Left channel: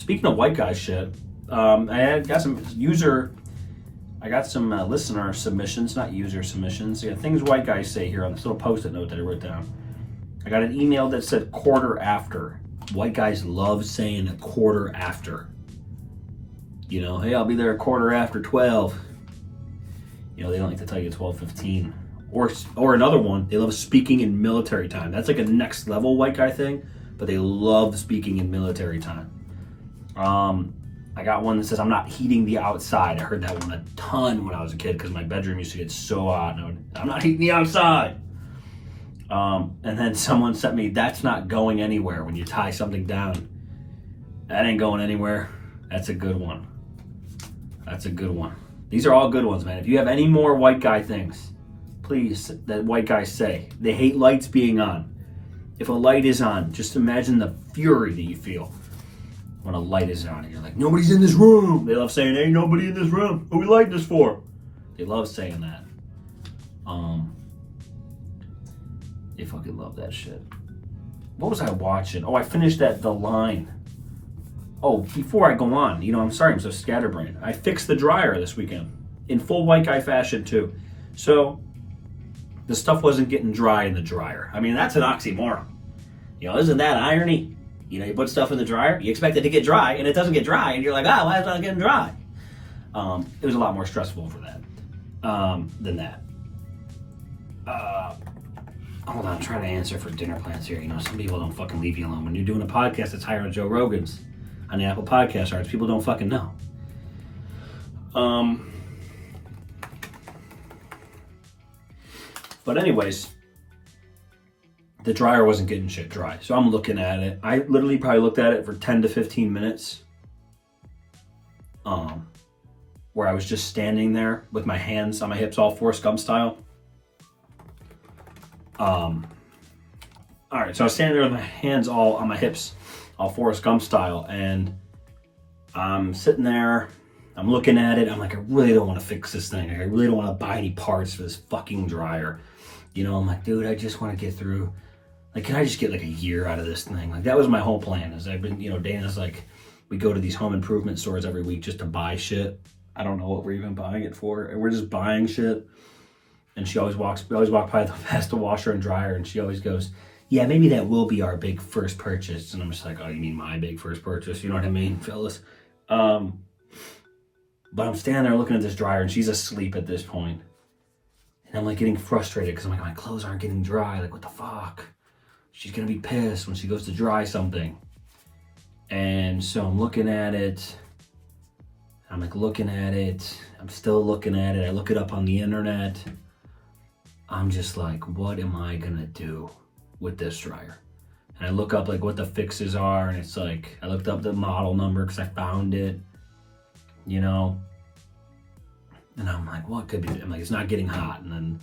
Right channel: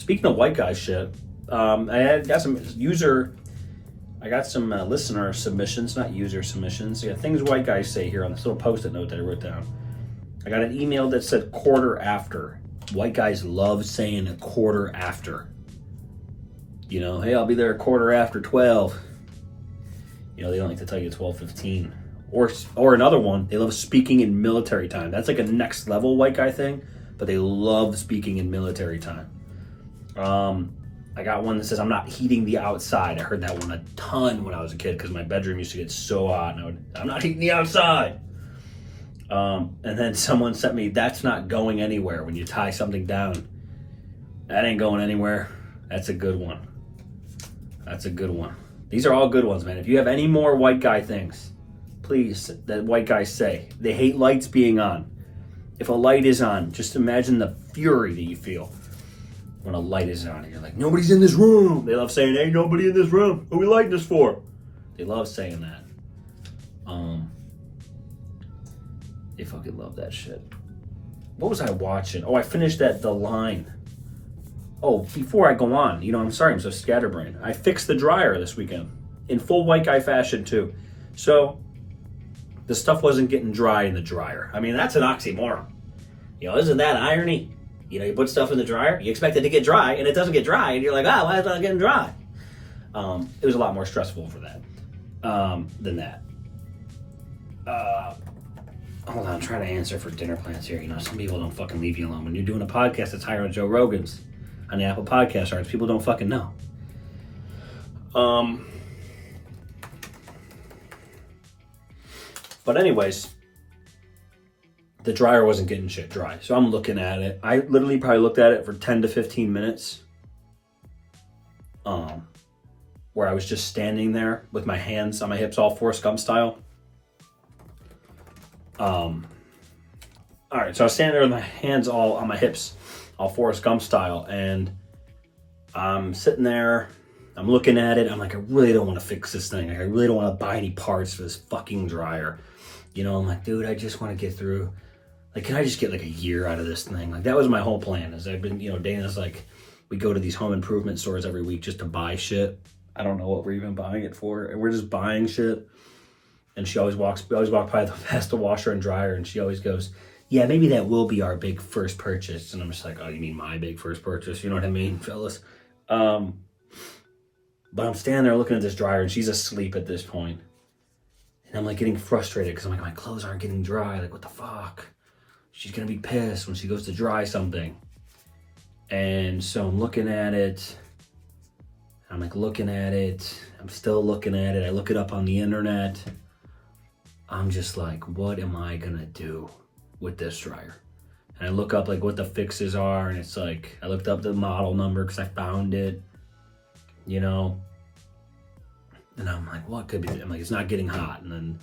Speaking of white guy shit, I got some listener submissions, not user submissions. Yeah, things white guys say here on this little post-it note that I wrote down. I got an email that said quarter after. White guys love saying a quarter after. You know, hey, I'll be there a quarter after 12. You know, they don't like to tell you 12:15. Or another one, they love speaking in military time. That's like a next level white guy thing, but they love speaking in military time. I got one that says, I'm not heating the outside. I heard that one a ton when I was a kid because my bedroom used to get so hot. And I'm not heating the outside. And then someone sent me, that's not going anywhere when you tie something down. That ain't going anywhere. That's a good one. That's a good one. These are all good ones, man. If you have any more white guy things, please, that white guys say. They hate lights being on. If a light is on, just imagine the fury that you feel when a light is on. You're like, nobody's in this room. They love saying, hey, nobody in this room. What are we lighting this for? They love saying that. They fucking love that shit. What was I watching? Oh, I finished The Line. Oh, before I go on, I'm sorry, I'm so scatterbrained. I fixed the dryer this weekend in full white guy fashion too. So the stuff wasn't getting dry in the dryer. I mean, that's an oxymoron. Isn't that irony? You put stuff in the dryer, you expect it to get dry, and it doesn't get dry, and you're like, why is it not getting dry? It was a lot more stressful for that than that. Hold on, I'm trying to answer for dinner plans here. Some people don't fucking leave you alone. When you're doing a podcast that's higher on Joe Rogan's, on the Apple Podcast charts, people don't fucking know. But anyways, the dryer wasn't getting shit dry. So I'm looking at it. I literally probably looked at it for 10 to 15 minutes. Where I was just standing there with my hands on my hips, all Forrest Gump style. All right, so I was standing there with my hands all on my hips, all Forrest Gump style, and I'm sitting there, I'm looking at it, I'm like, I really don't want to fix this thing. I really don't want to buy any parts for this fucking dryer. I'm like, dude, I just want to get through. Like, can I just get like a year out of this thing? Like, that was my whole plan. Is I've been, Dana's like, we go to these home improvement stores every week just to buy shit. I don't know what we're even buying it for. And we're just buying shit. And we always walk by past the washer and dryer, and she always goes, yeah, maybe that will be our big first purchase. And I'm just like, oh, you mean my big first purchase? You know what I mean, fellas? But I'm standing there looking at this dryer, and she's asleep at this point. And I'm like getting frustrated because I'm like, my clothes aren't getting dry. Like, what the fuck? She's going to be pissed when she goes to dry something. And so I'm looking at it. I'm like looking at it. I'm still looking at it. I look it up on the internet. I'm just like, what am I going to do with this dryer? And I look up like what the fixes are. And it's like, I looked up the model number because I found it, And I'm like, what could be? I'm like, it's not getting hot. And then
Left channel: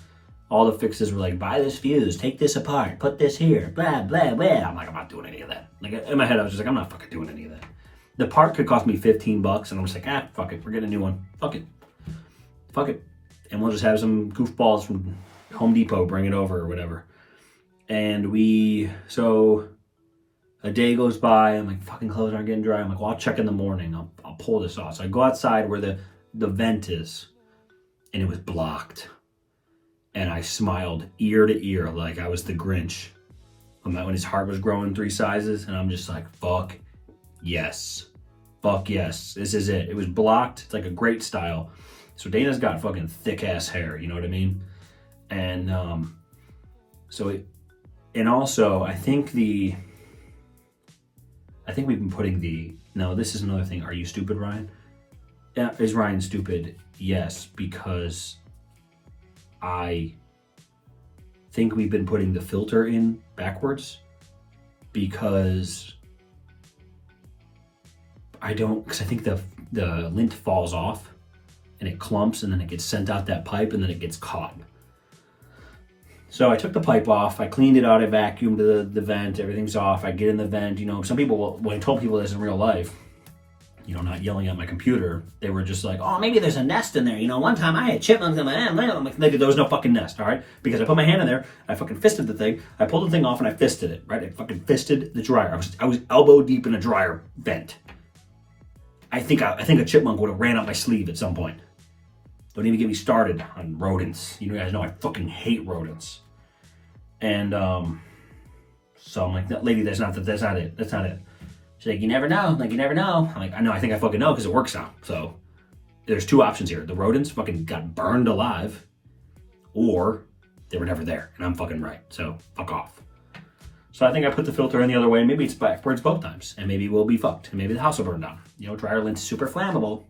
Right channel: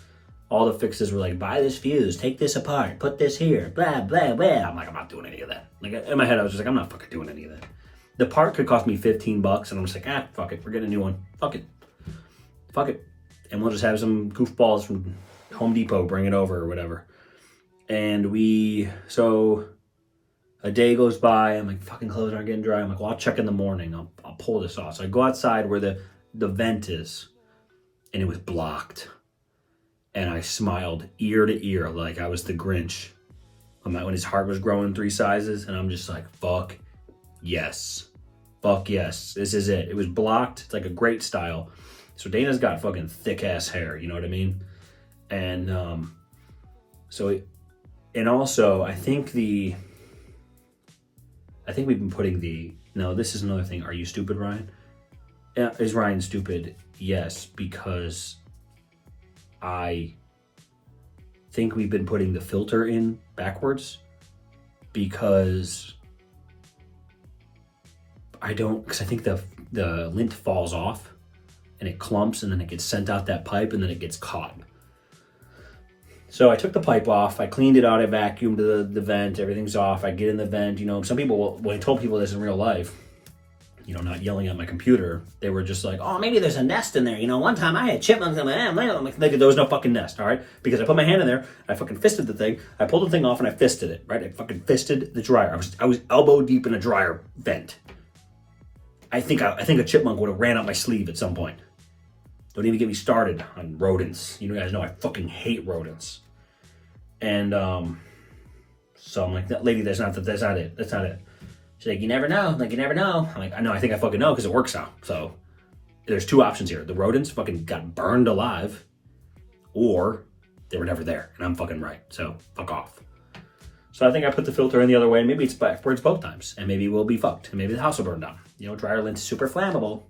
all the fixes were like, buy this fuse, take this apart, put this here, blah, blah, blah. I'm like, I'm not doing any of that. Like, in my head, I was just like, I'm not fucking doing any of that. The part could cost me $15, and I'm just like, fuck it, we're getting a new one. Fuck it. And we'll just have some goofballs from Home Depot bring it over or whatever. And so a day goes by, I'm like, fucking clothes aren't getting dry. I'm like, well, I'll check in the morning. I'll pull this off. So I go outside where the vent is, and it was blocked. And I smiled ear to ear like I was the Grinch when his heart was growing 3 sizes. And I'm just like, fuck yes. This is it. It was blocked. It's like a great style. So Dana's got fucking thick ass hair. You know what I mean? And also I think we've been putting no, this is another thing. Are you stupid, Ryan? Is Ryan stupid? Yes, because I think we've been putting the filter in backwards because I think the lint falls off and it clumps and then it gets sent out that pipe and then it gets caught. So I took the pipe off, I cleaned it out, I vacuumed the vent, everything's off, I get in the vent, some people, when I told people this in real life, not yelling at my computer, they were just like, oh, maybe there's a nest in there. One time I had chipmunks in my hand. I'm like, there was no fucking nest, all right? Because I put my hand in there, I fucking fisted the thing, I pulled the thing off and I fisted it, right? I fucking fisted the dryer. I was elbow deep in a dryer vent. I think a chipmunk would have ran up my sleeve at some point. Don't even get me started on rodents. You guys know I fucking hate rodents. And so I'm like, lady, that's not it. That's not it. She's like, you never know. Like, you never know. I'm like, I know, I think I fucking know because it works now. So there's two options here. The rodents fucking got burned alive, or they were never there, and I'm fucking right. So fuck off. So I think I put the filter in the other way, and maybe it's backwards both times, and maybe we'll be fucked, and maybe the house will burn down. Dryer lint's super flammable.